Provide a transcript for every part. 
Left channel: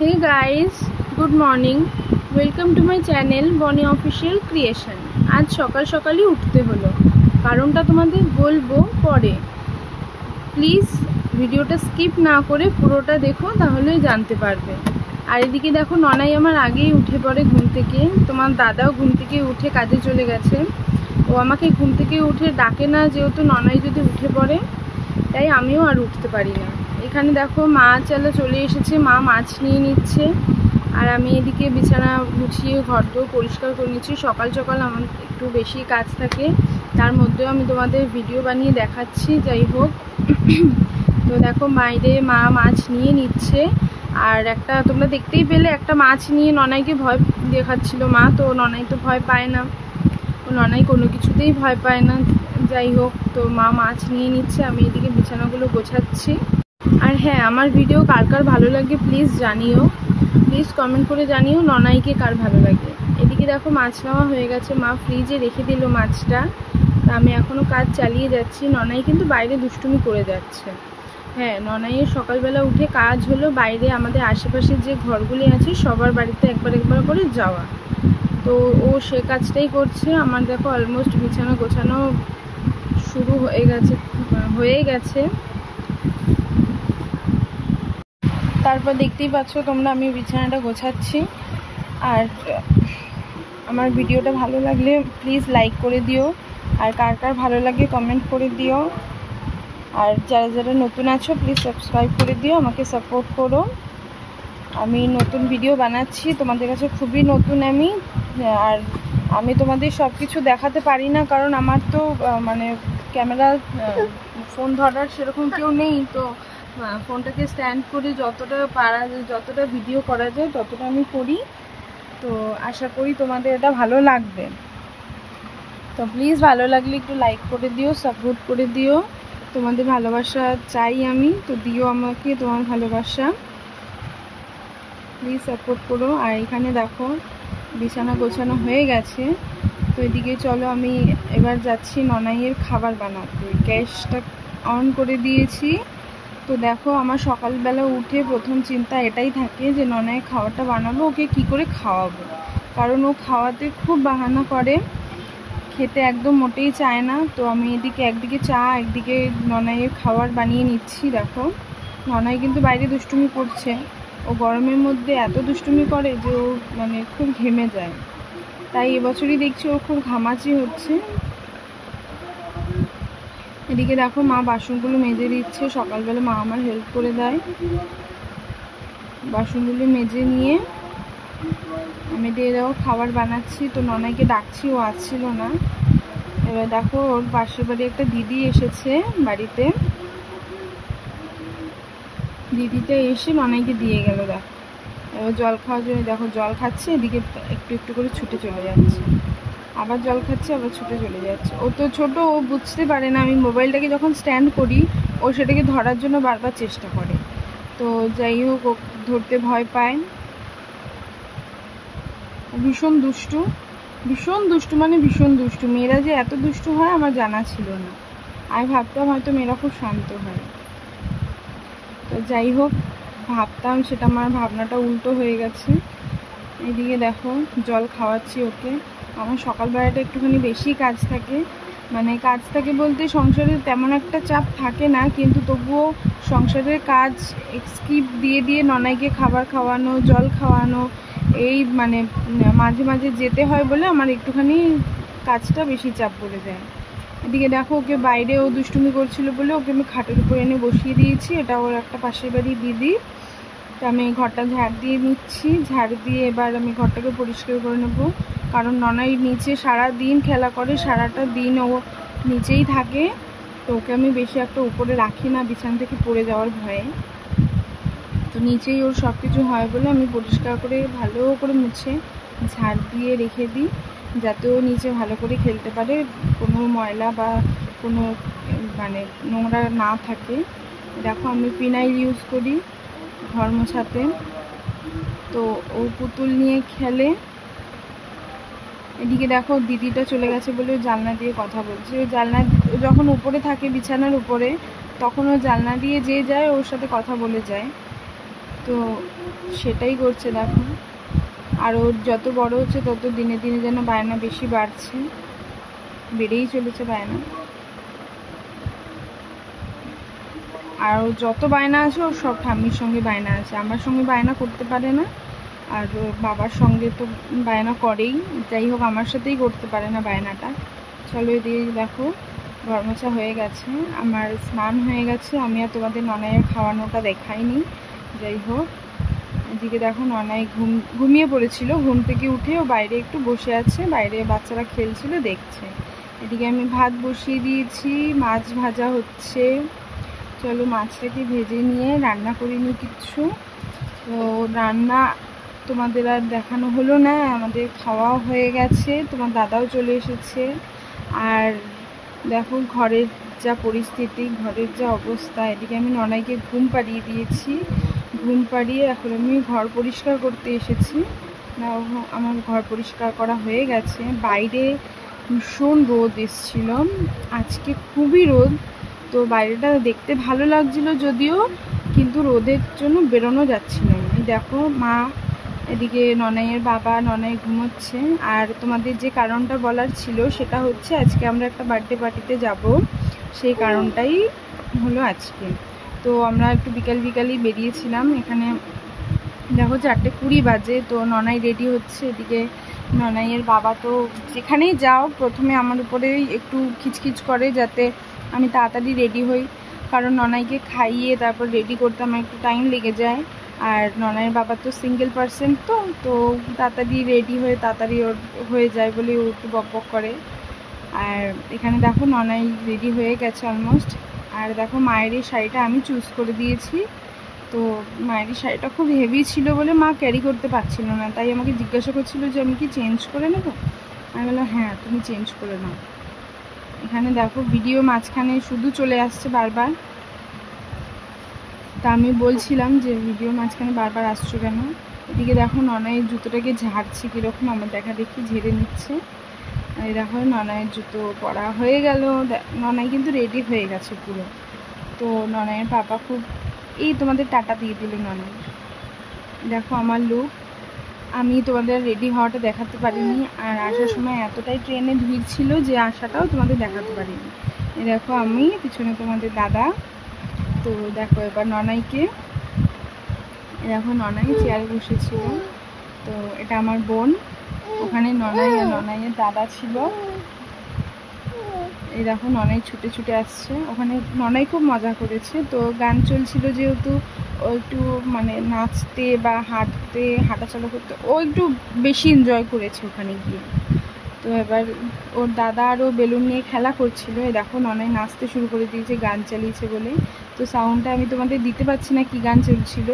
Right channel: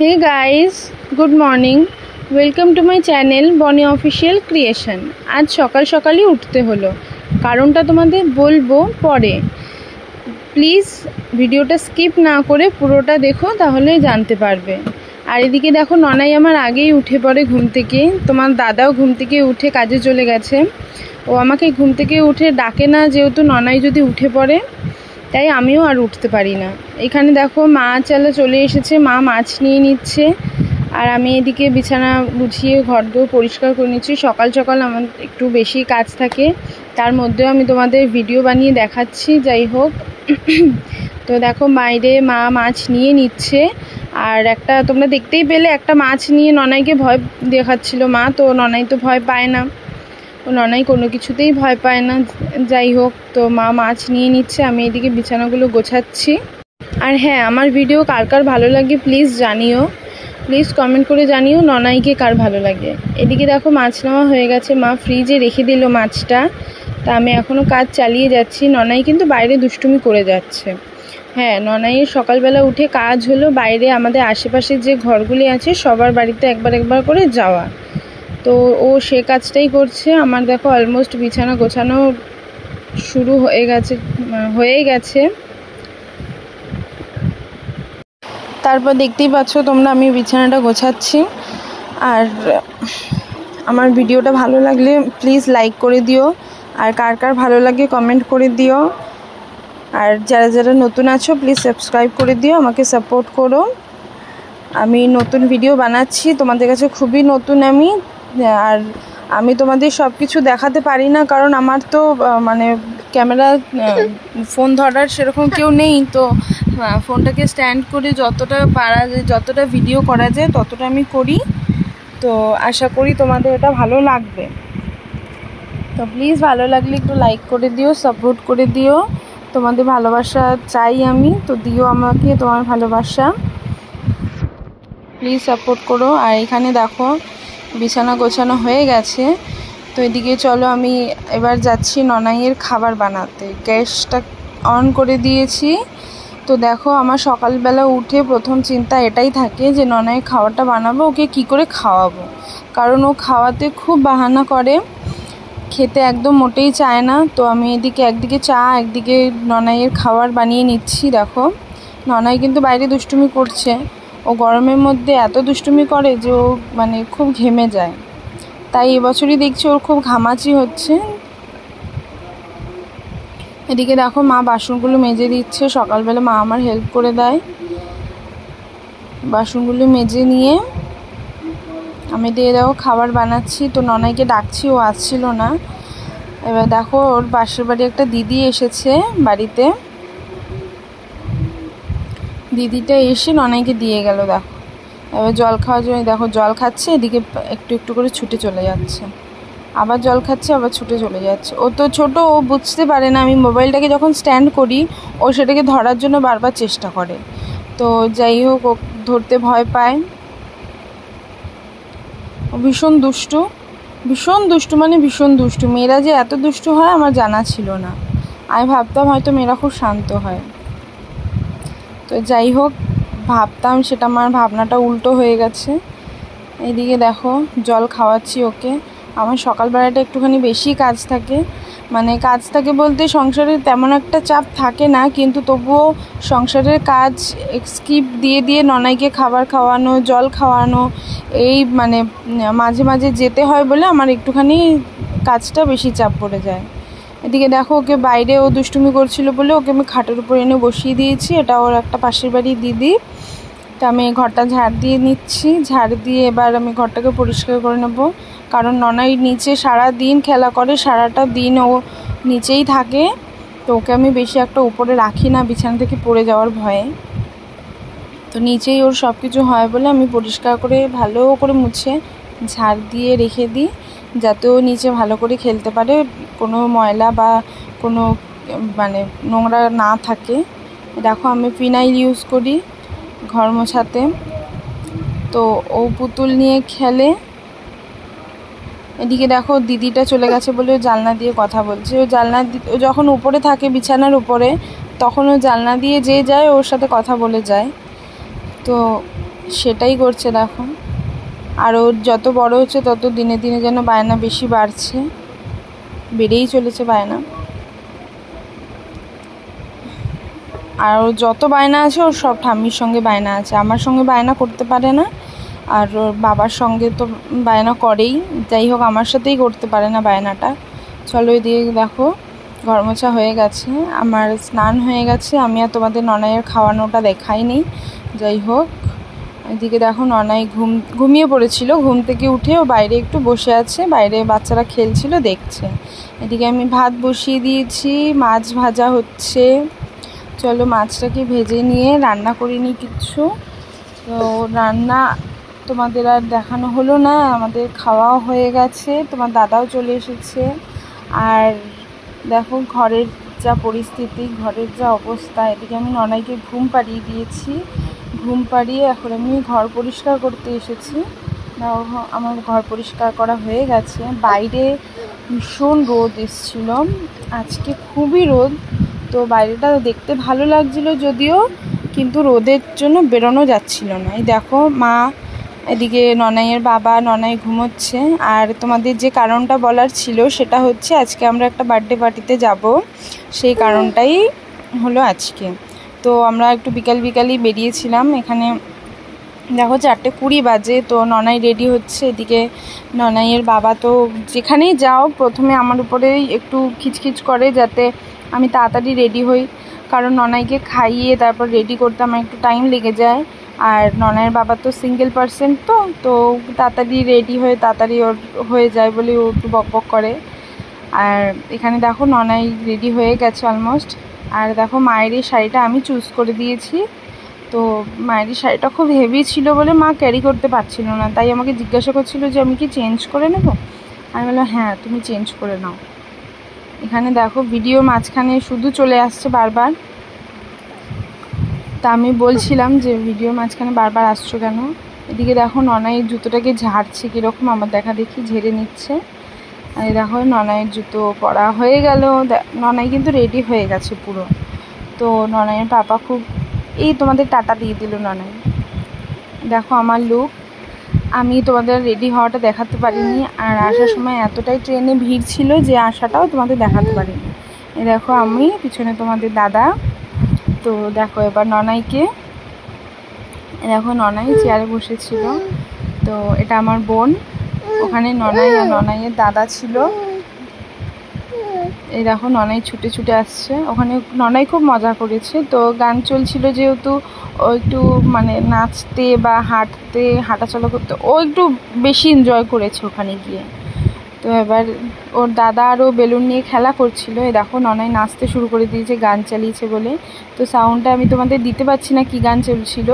Hey guys, good morning. Welcome to my channel Bonnie Official Creation. आज সকাল সকালই উঠতে হলো, কারণটা তোমাদের বলবো পরে। প্লিজ ভিডিওটা স্কিপ না করে পুরোটা দেখো, তাহলে জানতে পারবে। আর এদিকে দেখো, ননাই আমার আগেই উঠে পড়ে ঘুম থেকে। তোমার দাদাও ঘুম থেকে উঠে কাজে চলে গেছে। ও আমাকে ঘুম থেকে উঠে ডাকে না, যেহেতু ননাই যদি উঠে পড়ে, তাই আমিও আর উঠতে পারি না। এখানে দেখো মাছ আলা চলে এসেছে, মা মাছ নিয়ে নিচ্ছে, আর আমি এদিকে বিছানা গুছিয়ে ঘরদোর পরিষ্কার করে নিচ্ছি। সকাল সকাল আমার একটু বেশি কাজ থাকে, তার মধ্যেও আমি তোমাদের ভিডিও বানিয়ে দেখাচ্ছি। যাই হোক, তো দেখো বাইরে মা মাছ নিয়ে নিচ্ছে, আর একটা তোমরা দেখতেই পেলে একটা মাছ নিয়ে ননাইকে ভয় দেখাচ্ছিল মা। তো ননাই তো ভয় পায় না, ননাই কোনো কিছুতেই ভয় পায় না। যাই হোক, তো মা মাছ নিয়ে নিচ্ছে, আমি এদিকে বিছানাগুলো গোছাচ্ছি। আর হ্যাঁ, আমার ভিডিও কার কার ভালো লাগে প্লিজ জানিও, প্লিজ কমেন্ট করে জানিও ননাইকে কার ভালো লাগে। এদিকে দেখো মাছ নেওয়া হয়ে গেছে, মা ফ্রিজে রেখে দিল মাছটা। তা আমি এখনও কাজ চালিয়ে যাচ্ছি। ননাই কিন্তু বাইরে দুষ্টুমি করে যাচ্ছে। হ্যাঁ, ননাইয়ের সকালবেলা উঠে কাজ হলো বাইরে আমাদের আশেপাশে যে ঘরগুলি আছে সবার বাড়িতে একবার একবার করে যাওয়া। তো ও সে কাজটাই করছে। আমার দেখো অলমোস্ট বিছানা গোছানো শুরু হয়ে গেছে। তারপর দেখতেই পাচ্ছ তোমরা, আমি বিছানাটা গোছাচ্ছি। আর আমার ভিডিওটা ভালো লাগলে প্লিজ লাইক করে দিও, আর কার কার ভালো লাগে কমেন্ট করে দিও। আর যারা যারা নতুন আছো প্লিজ সাবস্ক্রাইব করে দিও, আমাকে সাপোর্ট করো। আমি নতুন ভিডিও বানাচ্ছি, তোমাদের কাছে খুবই নতুন আমি। আর আমি তোমাদের সব কিছু দেখাতে পারি না, কারণ আমার তো মানে ক্যামেরা ফোন ধরার সেরকম কেউ নেই। তো ফোনটাকে স্ট্যান্ড করে যতটা পারা যায়, যতটা ভিডিও করা যায় ততটা আমি করি। তো আশা করি তোমাদের এটা ভালো লাগবে। তো প্লিজ ভালো লাগলে একটু লাইক করে দিও, সাপোর্ট করে দিও। তোমাদের ভালোবাসা চাই আমি, তো দিও আমাকে তোমার ভালোবাসা, প্লিজ সাপোর্ট করো। আর এখানে দেখো বিছানা গোছানো হয়ে গেছে। তো এদিকে চলো আমি এবার যাচ্ছি ননাইয়ের খাবার বানাতে। গ্যাসটা অন করে দিয়েছি। তো দেখো আমার সকালবেলা উঠে প্রথম চিন্তা এটাই থাকে যে ননাইয়ের খাবারটা বানাবো, ওকে কি করে খাওয়াবো। কারণ ও খাওয়াতে খুব বাহানা করে, খেতে একদম মোটেই চায় না। তো আমি এদিকে একদিকে চা একদিকে ননাইয়ের খাবার বানিয়ে নিচ্ছি। দেখো ননাই কিন্তু বাইরে দুষ্টুমি করছে। ও গরমের মধ্যে এত দুষ্টুমি করে যে ও মানে খুব ঘেমে যায়, তাই এবছরই দেখছি ওর খুব ঘামাচি হচ্ছে। এদিকে দেখো মা বাসনগুলো মেজে দিচ্ছে। সকালবেলা মা আমার হেল্প করে দেয়, বাসনগুলো মেজে নিয়ে আমি দিয়ে দেখো খাবার বানাচ্ছি। তো ননাইকে ডাকছি, ও আসছিল না। এবার দেখো ওর পাশের বাড়ি একটা দিদি এসেছে বাড়িতে, দিদিটা এসে ননাইকে দিয়ে গেল। দেখো এবার জল খাওয়ার জন্য দেখো জল খাচ্ছে, এদিকে একটু একটু করে ছুটে চলে যাচ্ছে, আবার জল খাচ্ছে, আবার ছুটে চলে যাচ্ছে। ও তো ছোট, ও বুঝতে পারে না। আমি মোবাইলটাকে যখন স্ট্যান্ড করি ও সেটাকে ধরার জন্য বারবার চেষ্টা করে। তো যাই হোক, ও ধরতে ভয় পায়। ও ভীষণ দুষ্টু, ভীষণ দুষ্টু, মানে ভীষণ দুষ্টু। মেয়েরা যে এত দুষ্টু হয় আমার জানা ছিল না। আমি ভাবতাম হয়তো মেয়েরা খুব শান্ত হয়। তো যাই হোক, ভাবতাম সেটা, আমার ভাবনাটা উল্টো হয়ে গেছে। এদিকে দেখো জল খাওয়াচ্ছি ওকে। আমার সকালবেলাটা একটুখানি বেশি কাজ থাকে, মানে কাজ থাকে বলতে সংসারে তেমন একটা চাপ থাকে না, কিন্তু তবুও সংসারের কাজ স্কিপ দিয়ে দিয়ে ননাইকে খাবার খাওয়ানো, জল খাওয়ানো, এই মানে মাঝে মাঝে যেতে হয় বলে আমার একটুখানি কাজটা বেশি চাপ পড়ে যায়। এদিকে দেখো ওকে বাইরে ও দুষ্টুমি করছিল বলে ওকে আমি খাটের উপর এনে বসিয়ে দিয়েছি। এটা ওর একটা পাশের বাড়ির দিদি। তো আমি ঘরটা ঝাড় দিয়ে নিচ্ছি, ঝাড় দিয়ে এবার আমি ঘরটাকে পরিষ্কার করে নেব। কারণ ননাই নিচে সারা দিন খেলা করে, সারাটা দিন ও নিচেই থাকে। তো ওকে আমি বেশি একটা উপরে রাখি না বিছানা থেকে পড়ে যাওয়ার ভয়ে। তো নিচেই ওর সব কিছু হয় বলে আমি পরিষ্কার করে ভালো করে মুছে ঝাড় দিয়ে রেখে দিই, যাতে ও নিচে ভালো করে খেলতে পারে, কোনো ময়লা বা কোনো মানে নোংরা না থাকে। দেখো আমি ফিনাইল ইউজ করি ঘর মোছাতে। তো ও পুতুল নিয়ে খেলে। এদিকে দেখো দিদিটা চলে গেছে বলে ও জানলা দিয়ে কথা বলছে। ও যখন উপরে থাকে বিছানার উপরে, তখন ও জানলা দিয়ে যে যায় ওর সাথে কথা বলে যায়। তো সেটাই করছে দেখো। আর ও যত বড় হচ্ছে তত দিনে দিনে যেন বায়না বেশি বাড়ছে, বেড়েই চলেছে বায়না। আর ওর যত বায়না আছে ওর সব ঠাম্মির সঙ্গে বায়না আছে, আমার সঙ্গে বায়না করতে পারে না, আর ওর বাবার সঙ্গে তো বায়না করেই, যাই হোক আমার সাথেই করতে পারে না বায়নাটা। চলো এদিকে দেখো ঘর মোছা হয়ে গেছে, আমার স্নান হয়ে গেছে। আমি আর তোমাদের ননাইয়ের খাওয়ানোটা দেখাইনি। যাই হোক এদিকে দেখো ননাই ঘুমিয়ে পড়েছিল, ঘুম থেকে উঠে ও বাইরে একটু বসে আছে, বাইরে বাচ্চারা খেলছিল দেখছে। এদিকে আমি ভাত বসিয়ে দিয়েছি, মাছ ভাজা হচ্ছে। চলো মাছটাকে ভেজে নিয়ে রান্না করিনি কিচ্ছু। তো রান্না তোমাদের আর দেখানো হলো না, আমাদের খাওয়াও হয়ে গেছে, তোমার দাদাও চলে এসেছে। আর দেখো ঘরের যা পরিস্থিতি, ঘরের যা অবস্থা। এদিকে আমি ননাইকে ঘুম পাড়িয়ে দিয়েছি, ঘুম পাড়িয়ে এখন আমি ঘর পরিষ্কার করতে এসেছি। আমার ঘর পরিষ্কার করা হয়ে গেছে। বাইরে ভীষণ রোদ এসেছিল, আজকে খুবই রোদ। তো বাইরেটা দেখতে ভালো লাগছিল যদিও, কিন্তু রোদের জন্য বেরোনো যাচ্ছিল না। এই দেখো মা, এদিকে ননাইয়ের বাবা, ননাই ঘুমোচ্ছে। আর তোমাদের যে কারণটা বলার ছিল সেটা হচ্ছে আজকে আমরা একটা বার্থডে পার্টিতে যাব, সেই কারণটাই হলো আজকে। তো আমরা একটু বিকালই বেরিয়েছিলাম। এখানে দেখো 4:20 বাজে, তো ননাই রেডি হচ্ছে। এদিকে ননাইয়ের বাবা তো যেখানেই যাও প্রথমে আমার উপরেই একটু খিচখিচ করে যাতে আমি তাড়াতাড়ি রেডি হই, কারণ ননাইকে খাইয়ে তারপর রেডি করতে আমার একটু টাইম লেগে যায়। আর ননাইয়ের বাবা তো সিঙ্গেল পার্সন, তো তাড়াতাড়ি রেডি হয়ে তাড়াতাড়ি ওর হয়ে যায় বলে ও একটু বকবক করে। আর এখানে দেখো ননাই রেডি হয়ে গেছে অলমোস্ট। আর দেখো মায়ের এই শাড়িটা আমি চুজ করে দিয়েছি। তো মায়ের শাড়িটা খুব হেভি ছিল বলে মা ক্যারি করতে পারছিল না, তাই আমাকে জিজ্ঞাসা করছিল যে আমি কি চেঞ্জ করে নেব। আমি বললাম হ্যাঁ তুমি চেঞ্জ করে নাও। এখানে দেখো ভিডিও মাঝখানে শুধু চলে আসছে বারবার, তা আমি বলছিলাম যে ভিডিও মাঝখানে বারবার আসছো কেন। এদিকে দেখো ননাইয়ের জুতোটাকে ঝাড়ছে কীরকম, আমার দেখা দেখি ঝেড়ে নিচ্ছে। আর দেখো ননাইয়ের জুতো পরা হয়ে গেল, ননাই কিন্তু রেডি হয়ে গেছে পুরো। তো ননাইয়ের পাপা খুব এই তোমাদের টাটা দিয়ে দিল ননাই। দেখো আমার লুক, আমি তোমাদের রেডি হওয়াটা দেখাতে পারিনি, আর আসার সময় এতটাই ট্রেনে ভিড় ছিল যে আসাটাও তোমাদের দেখাতে পারিনি। এই দেখো আমি পিছনে তোমাদের দাদা। তো দেখো এবার ননাইকে, দেখো ননাই চেয়ারে বসেছিল। তো এটা আমার বোন, ওখানে ননাই আর ননাইয়ের দাদা ছিল। এই দেখো ননাই ছুটে ছুটে আসছে, ওখানে ননাই খুব মজা করেছে। তো গান চলছিল যেহেতু, ও একটু মানে নাচতে বা হাঁটাচলা করতে ও একটু বেশি এনজয় করেছে ওখানে গিয়ে। তো এবার ওর দাদা আরও বেলুন নিয়ে খেলা করছিল। এই দেখো ননাই নাচতে শুরু করে দিয়েছে গান চালিয়েছে বলে। তো সাউন্ডটা আমি তোমাদের দিতে পারছি না কি গান চলছিল।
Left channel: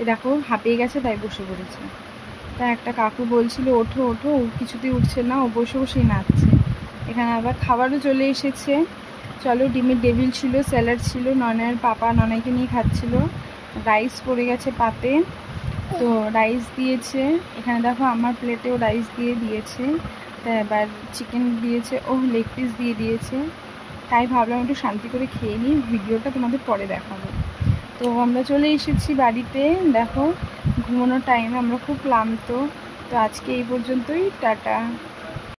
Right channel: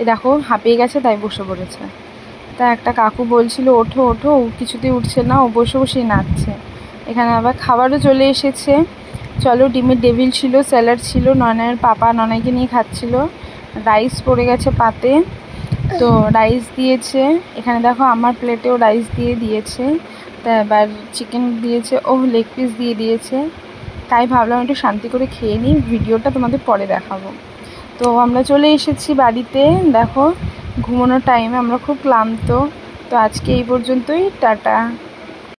এ দেখো হাঁপিয়ে গেছে তাই বসে পড়েছে। তা একটা কাকু বলছিল ওঠো ওঠো, ও কিছুতেই উঠছে না, ও বসে বসেই নাচছে। এখানে আবার খাবারও চলে এসেছে। চলো ডিমের ডেভিল ছিল, স্যালাড ছিল, ননাইয়ের পাপা ননাইকে নিয়ে খাচ্ছিল। রাইস পড়ে গেছে পাতে, তো রাইস দিয়েছে। এখানে দেখো আমার প্লেটেও রাইস দিয়ে দিয়েছে। তা এবার চিকেন দিয়েছে, লেগ পিস দিয়ে দিয়েছে। তাই ভাবলাম একটু শান্তি করে খেয়ে নিই, ভিডিওটা তোমাদের পরে দেখাবো। তো আমরা চলে এসেছি বাড়িতে। দেখো ঘুমানোর টাইমে আমরা খুব ক্লান্ত। তো আজকে এই পর্যন্তই, টাটা।